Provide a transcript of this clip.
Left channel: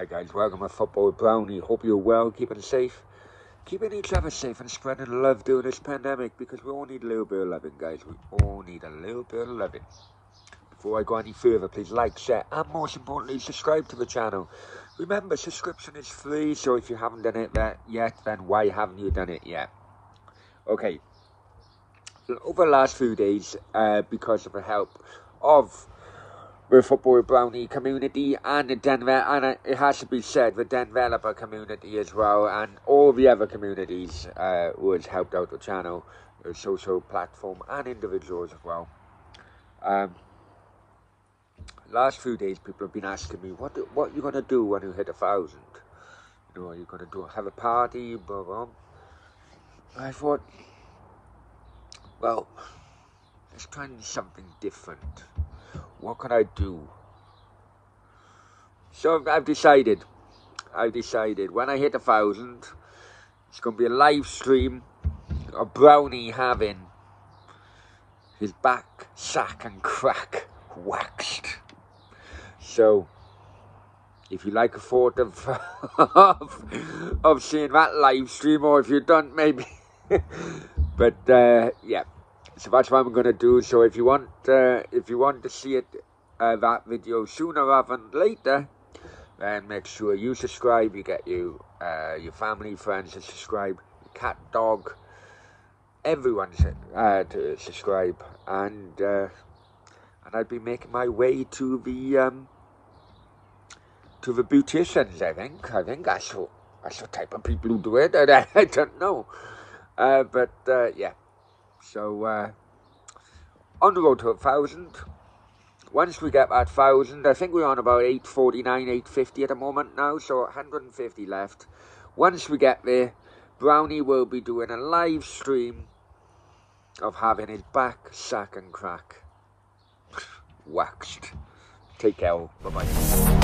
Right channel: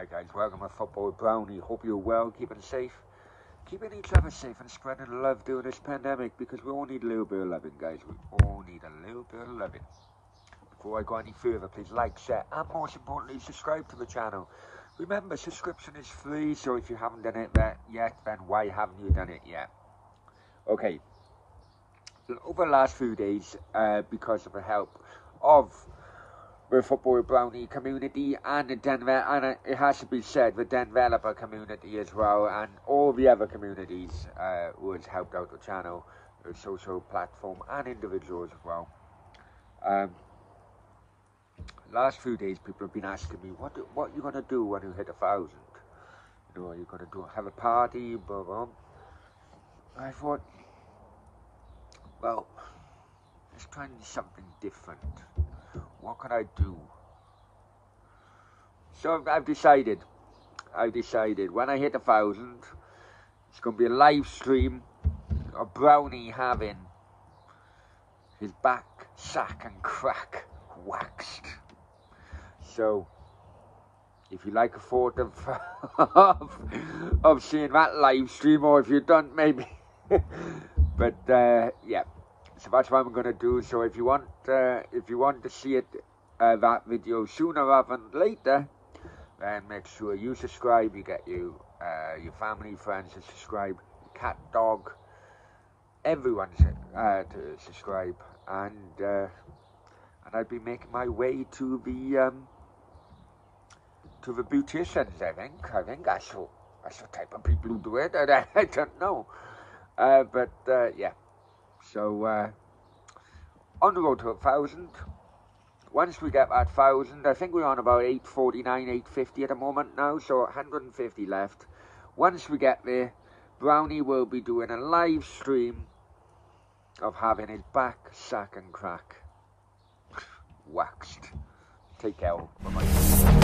Hi guys, welcome to Football with Brownie. Hope you're well, keeping safe, keeping each other safe and spreading love during this pandemic, because we all need a little bit of loving, guys. We all need a little bit of loving. Before I go any further, please like, share, and most importantly, subscribe to the channel. Remember, subscription is free, so if you haven't done it yet, then why haven't you done it yet? Okay, over the last few days, because of the help of the Football with Brownie community and the Denver, and it has to be said, the Denveloper community as well, and all the other communities who has helped out the channel, the social platform, and individuals as well. Last few days, people have been asking me, what are you going to do when you hit 1,000? You know, are you going to have a party, blah, blah. I thought, well, let's try something different. What can I do? So I've decided when I hit 1,000, it's going to be a live stream of Brownie having his back, sack and crack waxed. So if you like a photo of seeing that live stream, or if you don't, maybe. But yeah. So that's what I'm going to do. So if you want to see it, that video sooner rather than later, then make sure you subscribe. You get your family, friends to subscribe, your cat, dog, everyone to subscribe, and I'll be making my way to the beauticians. I think that's the type of people who do it. I don't know, but yeah. So, on the road to 1,000. Once we get that 1,000, I think we're on about 849, 850 at the moment now, so 150 left. Once we get there, Brownie will be doing a live stream of having his back, sack and crack waxed. Take care, bye-bye.